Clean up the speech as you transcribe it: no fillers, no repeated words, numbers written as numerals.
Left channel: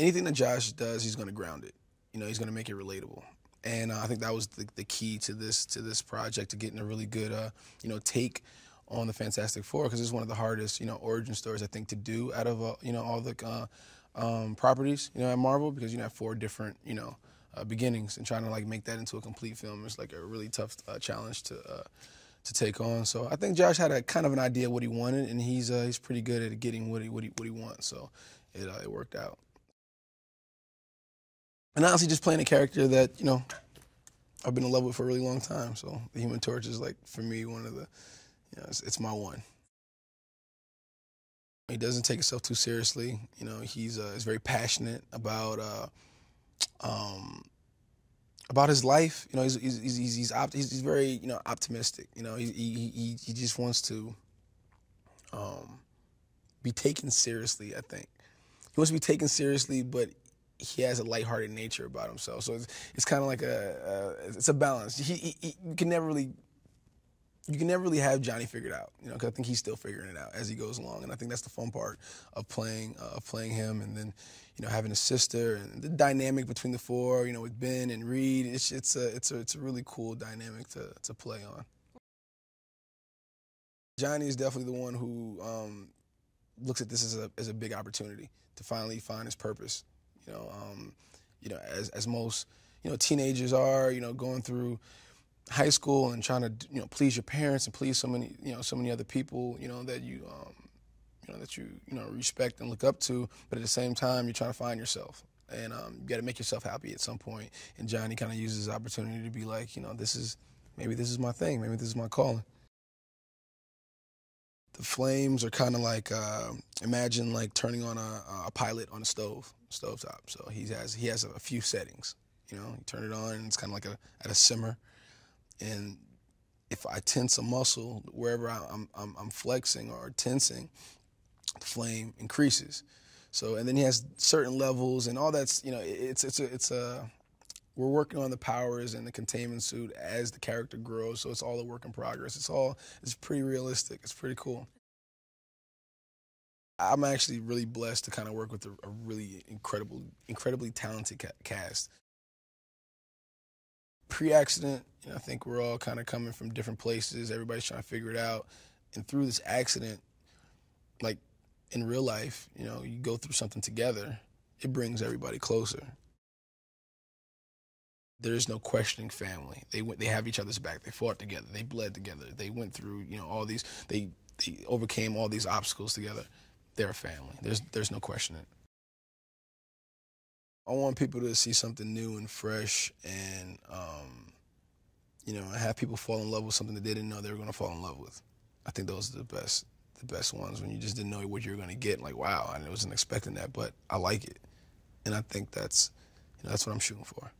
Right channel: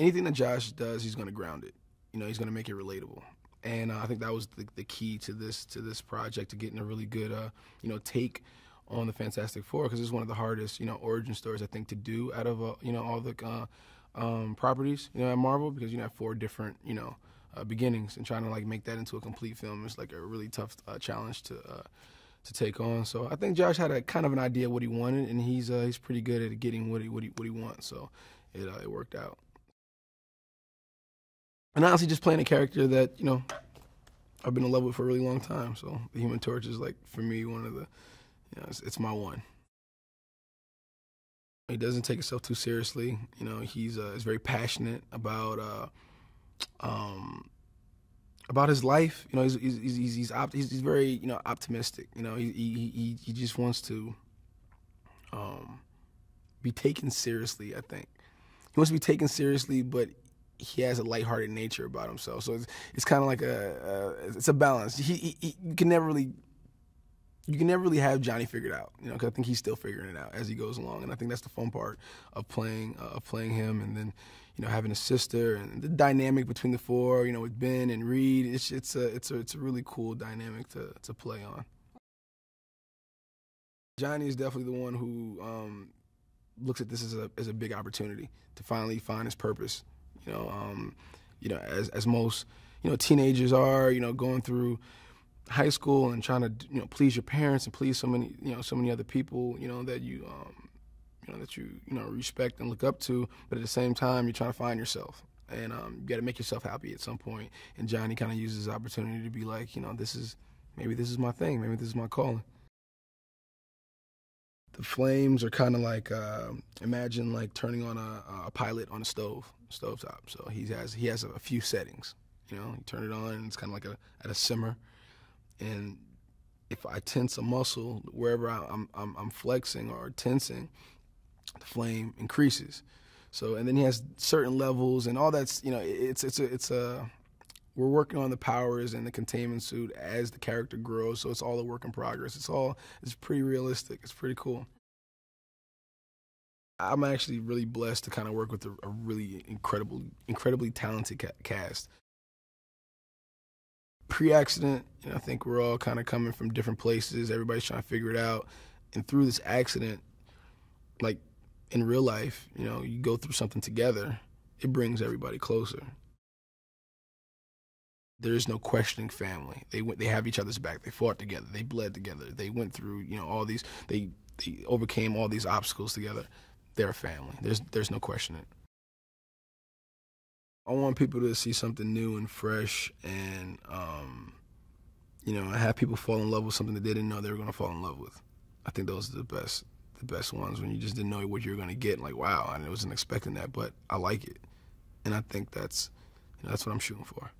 anything that Josh does, he's going to ground it. He's going to make it relatable. And I think that was the key to this project, to getting a really good, take on the Fantastic Four, because it's one of the hardest, origin stories I think to do out of, all the properties, at Marvel, because you have 4 different, beginnings, and trying to like make that into a complete film is like a really tough challenge to take on. So I think Josh had a kind of an idea of what he wanted, and he's pretty good at getting what he wants. So it worked out. And honestly, just playing a character that I've been in love with for a really long time. So the Human Torch is like, for me, one of the it's my one. He doesn't take himself too seriously. He's very passionate about his life. He's very optimistic. He just wants to be taken seriously. I think he wants to be taken seriously, but he has a lighthearted nature about himself. So it's kind of like it's a balance. You can never really have Johnny figured out, because I think he's still figuring it out as he goes along. And I think that's the fun part of playing him. And then, having a sister, and the dynamic between the 4, with Ben and Reed, it's a really cool dynamic to play on. Johnny is definitely the one who looks at this as a big opportunity to finally find his purpose. As most teenagers are, going through high school and trying to please your parents and please so many other people that you respect and look up to, but at the same time you're trying to find yourself, and you got to make yourself happy at some point. And Johnny kind of uses his opportunity to be like, this is my thing, maybe this is my calling. The flames are kind of like imagine like turning on a pilot on a stovetop. So he has a few settings. You turn it on, and it's kind of like at a simmer. And if I tense a muscle wherever I'm flexing or tensing, the flame increases. So, and then he has certain levels, and all that's we're working on the powers and the containment suit as the character grows. So it's all a work in progress. It's pretty realistic. It's pretty cool. I'm actually really blessed to kind of work with a really incredibly talented cast. Pre-accident, I think we're all kind of coming from different places. Everybody's trying to figure it out. And through this accident, like in real life, you go through something together, it brings everybody closer. There is no questioning family. They have each other's back. They fought together. They bled together. They went through, all these, they overcame all these obstacles together. They're a family. There's no questioning. I want people to see something new and fresh, and have people fall in love with something that they didn't know they were going to fall in love with. I think those are the best ones, when you just didn't know what you were going to get. Like, wow, I wasn't expecting that, but I like it, and I think that's what I'm shooting for.